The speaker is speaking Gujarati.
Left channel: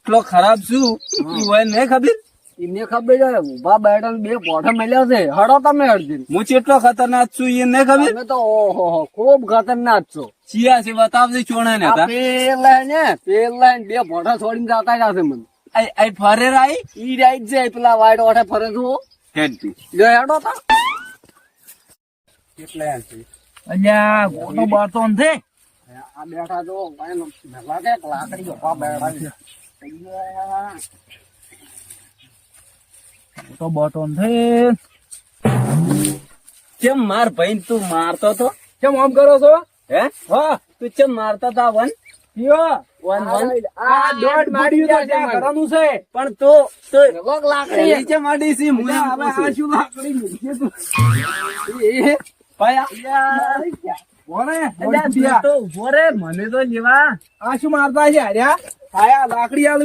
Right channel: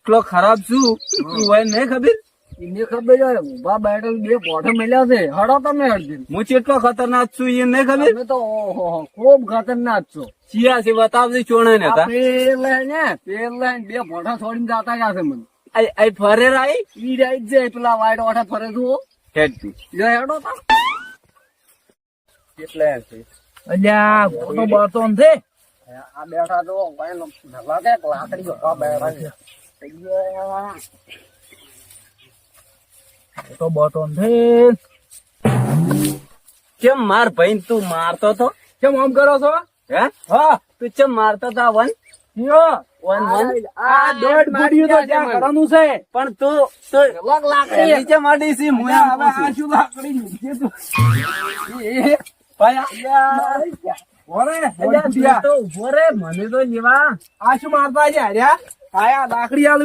એટલો ખરાબ છું ઈ હોય નહીં ખબર. એમને ખબર છે ઉભા બેઠા બે પોઠા મળ્યા છે હડો તમે અડધી હું કેટલો ખતરનાક છું એ નહીં ખબર. તમે તો ઓહો ખૂબ ખતરનાક છો ચિયા છે બતાવજે ચોણે ને હતા. પેલા ને બે પોઠા છોડીને જતા જશે મને આઈ ફરે રાઈ ઈ રાઈટ જાય પેલા વાઈટ ઓઠે ફરે છું હેડ તું જો હેડો તા કેટલા છે અલ્યા ગોટો બાતો ને આ બેઠા જો ભાઈ લાગે લાકડી ગોપા બેઠા છે ગોટો બાતો ને કેમ માર ભાઈ તું મારતો તો કેમ આમ કરો છો? હે હા તું કેમ મારતો તા વન કયો? વન વન આ દોઢ માર્યું તો ત્યાં કરવાનું છે. પણ તું લોક લાકડી નીચે માડી સી હું હવે આ શું લાકડી મૂકી તું? ભાઈ ઓરે, અલ્યા તું તો ઉભો રે મને તો લેવા આ શું મારતા છે? હાર્યા? આયા લાકડી આલવી